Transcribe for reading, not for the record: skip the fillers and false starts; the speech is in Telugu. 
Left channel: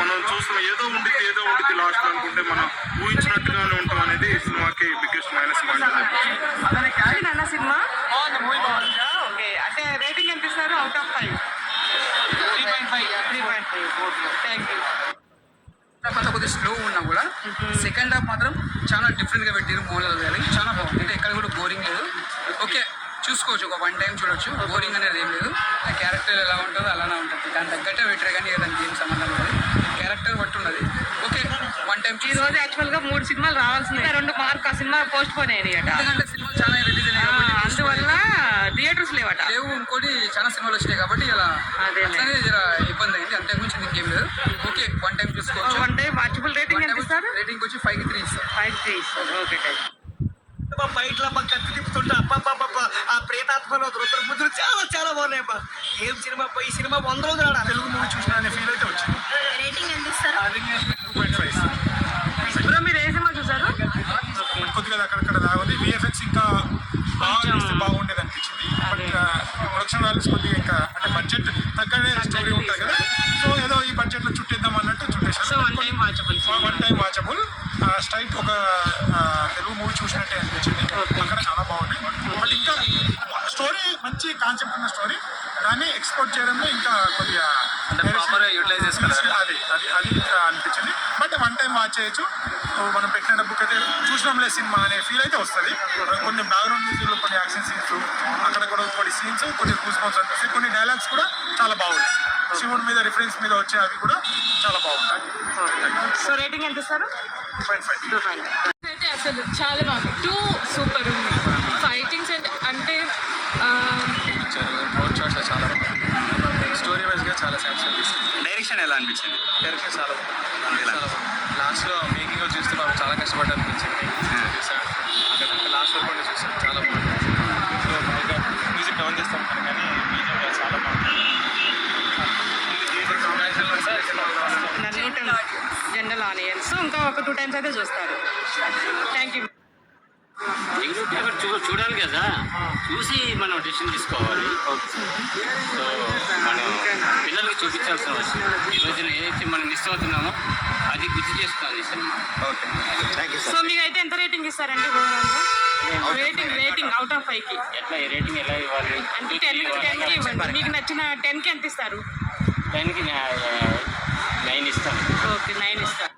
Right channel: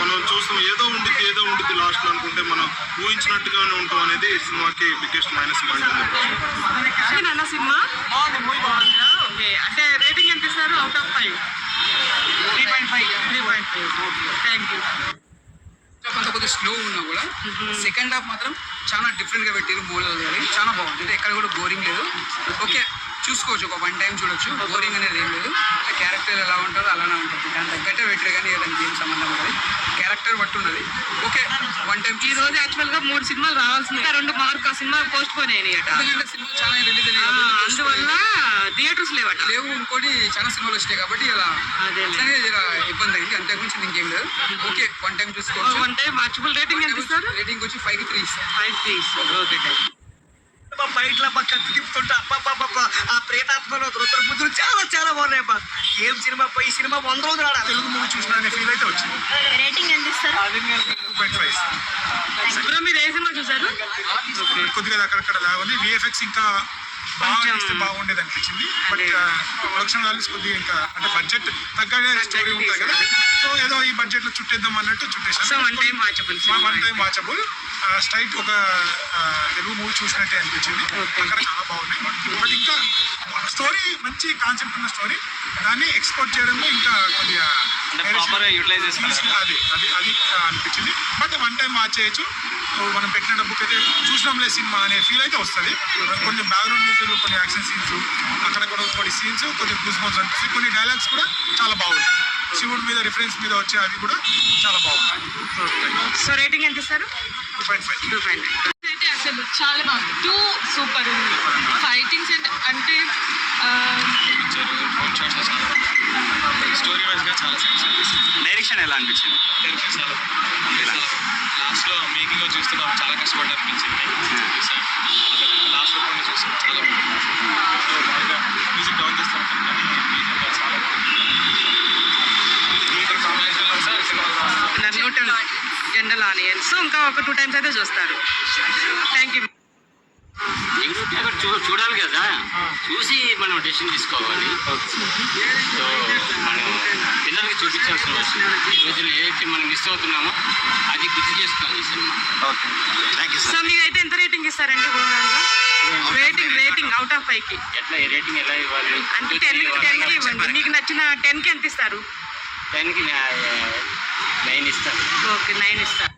మనం చూస్తున్నాం ఏదో ఉండిద్ది లాస్ట్ లో అనుకుంటే మనం ఊహించినట్టుగానే ఉంటాం అనేది ఈ సినిమాకి biggest minus point. Cinema okay, అంటే రేటింగ్ ఎంత ఇస్తారు అవుట్ ఆఫ్ 5? 3.5. Thank you. కొంత కొద్దిగా స్లో ఉన్నా కూడా సెకండ్ హాఫ్ మాత్రం చాలా డిఫరెంట్గా పెట్టారు. మూలలు కానీ చాలా బాగుంది. అంటే ఎక్కడ కూడా బోరింగ్ లేదు. ఓకే, చూసుకోవచ్చు, ఒక 1 టైం చూడొచ్చు. బోరింగ్ అనేది ఏం లేదు. ఆ క్యారెక్టర్ ఎలా ఉంటుందో అలానే ఉంటుంది. దాని తగ్గట్టే పెట్టారు కానీ దానికి ఏం సంబంధం ఉండదు. క్యారెక్టర్ బట్టి ఉన్నది. Okay, 1 time. ఈ రోజు యాక్చువల్గా 3 సినిమాలు రావాల్సింది, 2 మార్క్ ఆ సినిమా పోస్ట్ పోన్ అయినాయి. ఎందుకంటే సినిమాలు చాలా రిలీజ్ అయినాయి కాబట్టి అందువల్ల థియేటర్స్ లేవట. లేవు. ఇంకోటి చాలా సినిమాలు వచ్చినాయి కాబట్టి ఇలా అట్లానే ఇలా ఇబ్బంది అయింది. అంతకుమించి ఇంకేం లేదు. ఓకే, 1 టైం చూసుకోవచ్చు. 1 టైం వాచబుల్. రేటింగ్ ఎంత ఇస్తారు? రేటింగ్ వచ్చి 5కి 3 ఇస్తారు. 5.3 ఇస్తారు. ఓకే, బయటలో మా కత్తి తిప్పుతుంటే అప్ప ఆ ప్రేతాత్మలో రుద్రపుత్రులు చాలా చాలా బాగున్నాయి అబ్బా. ఏం సినిమా ఈ సినిమా 100 రోజులు ఆడ తెలుగు మూవీ చూసిన అనే ఫీల్ అయితే వచ్చింది. రేటింగ్ ఎంత ఇస్తారు? 2.5. మీరు ఏ సినిమా చూసారు? కొద్దిగా అక్కడక్కడ రావాలి. విఎఫ్ఎక్స్ ఇంకా బాగా చేస్తే బాగుండేది అనిపించింది. బట్ ప్రొడక్షన్ వాల్యూస్ కొద్దిగా ఇంకా అంటే బడ్జెట్ తగ్గనే స్టోరీ ఉంటుంది కదా, సో ఏదో ఈ బడ్జెట్ లో చుట్టేద్దాం అన్నట్టు చుట్టేసాను. 1 టైం వాచబుల్. స్ట్రైట్ ఒక తెలుగు మూవీ చూసినట్టే అనిపించింది. అక్కడ చాలా బాగుంది. బట్ ఇంకా స్టోరీ మంచి కాన్సెప్ట్ ఉన్న స్టోరీ, దాన్ని ఎక్స్పోర్ట్ చేయడంలో ఇంకా కొద్దిగా యూటిలైజ్ అది అనిపించింది. బట్ 1 టైం వాచ్ చేయొచ్చు. మనం పెట్టిన డబ్బుకి అయితే చూసినాంలే సినిమా అనే ఫీల్ అయితే వస్తుంది. కొన్ని బ్యాక్గ్రౌండ్ మ్యూజిక్లో కొన్ని యాక్షన్ సీన్స్, అక్కడ కూడా కొన్ని సీన్స్ కొన్ని గూస్ బంప్స్ అనిపిస్తాయి. కొన్ని డైలాగ్స్ కూడా చాలా బాగుంటాయి. శివుడి మీద రిఫరెన్స్ మీద వచ్చే అవి కూడా చాలా బాగుంటాయి. సో రేటింగ్ ఎంత ఇస్తారు? 2.5. అయితే అసలు చాలా బాగుంది. 2 సూపర్ ఉంది. ఫైటింగ్స్ అంటే స్టోరీ వైజ్గా చాలా సాటిస్ఫై. డైరెక్షన్ ఎలా అనిపించింది? డైరెక్షన్ చాలా లాస్ట్లో మేకింగ్ చూస్తే నాకు చాలా కష్టపడ్డా అనిపించింది. లాస్ట్ వరకు కూడా చూస్తాం చాలా బాగుంది. సో బాగా మ్యూజిక్ డౌన్ చేస్తాం కానీ మ్యూజిక్ చాలా బాగుంది. నన్ను జనరల్ ఆనియన్స్ ఇంకా ఒక 2 టైమ్స్ అయితే చూస్తారు. Thank you. చూడాలి కదా, చూసి మనం డెసిషన్ తీసుకోవాలి. సో మనం పిల్లలకి చూపించాల్సిన రోజులు ఏదైతే మనం మిస్ అవుతున్నామో అది గుర్తు చేసుకోవాలి cinema. Okay, thank you so sir. మీరైతే ఎంత రేటింగ్ ఇస్తారండి ఓవరాల్గా? రేటింగ్ అవుట్ ఆఫ్ 5కి ఎట్లా రేటింగ్ ఎలా ఇవ్వాలి అంటే 10కి ఇవ్వండి. మీకు నచ్చిన 10కి ఎంత ఇస్తారు? 10కి 9 ఇస్తాను. ఓకే, 9 ఇస్తారు.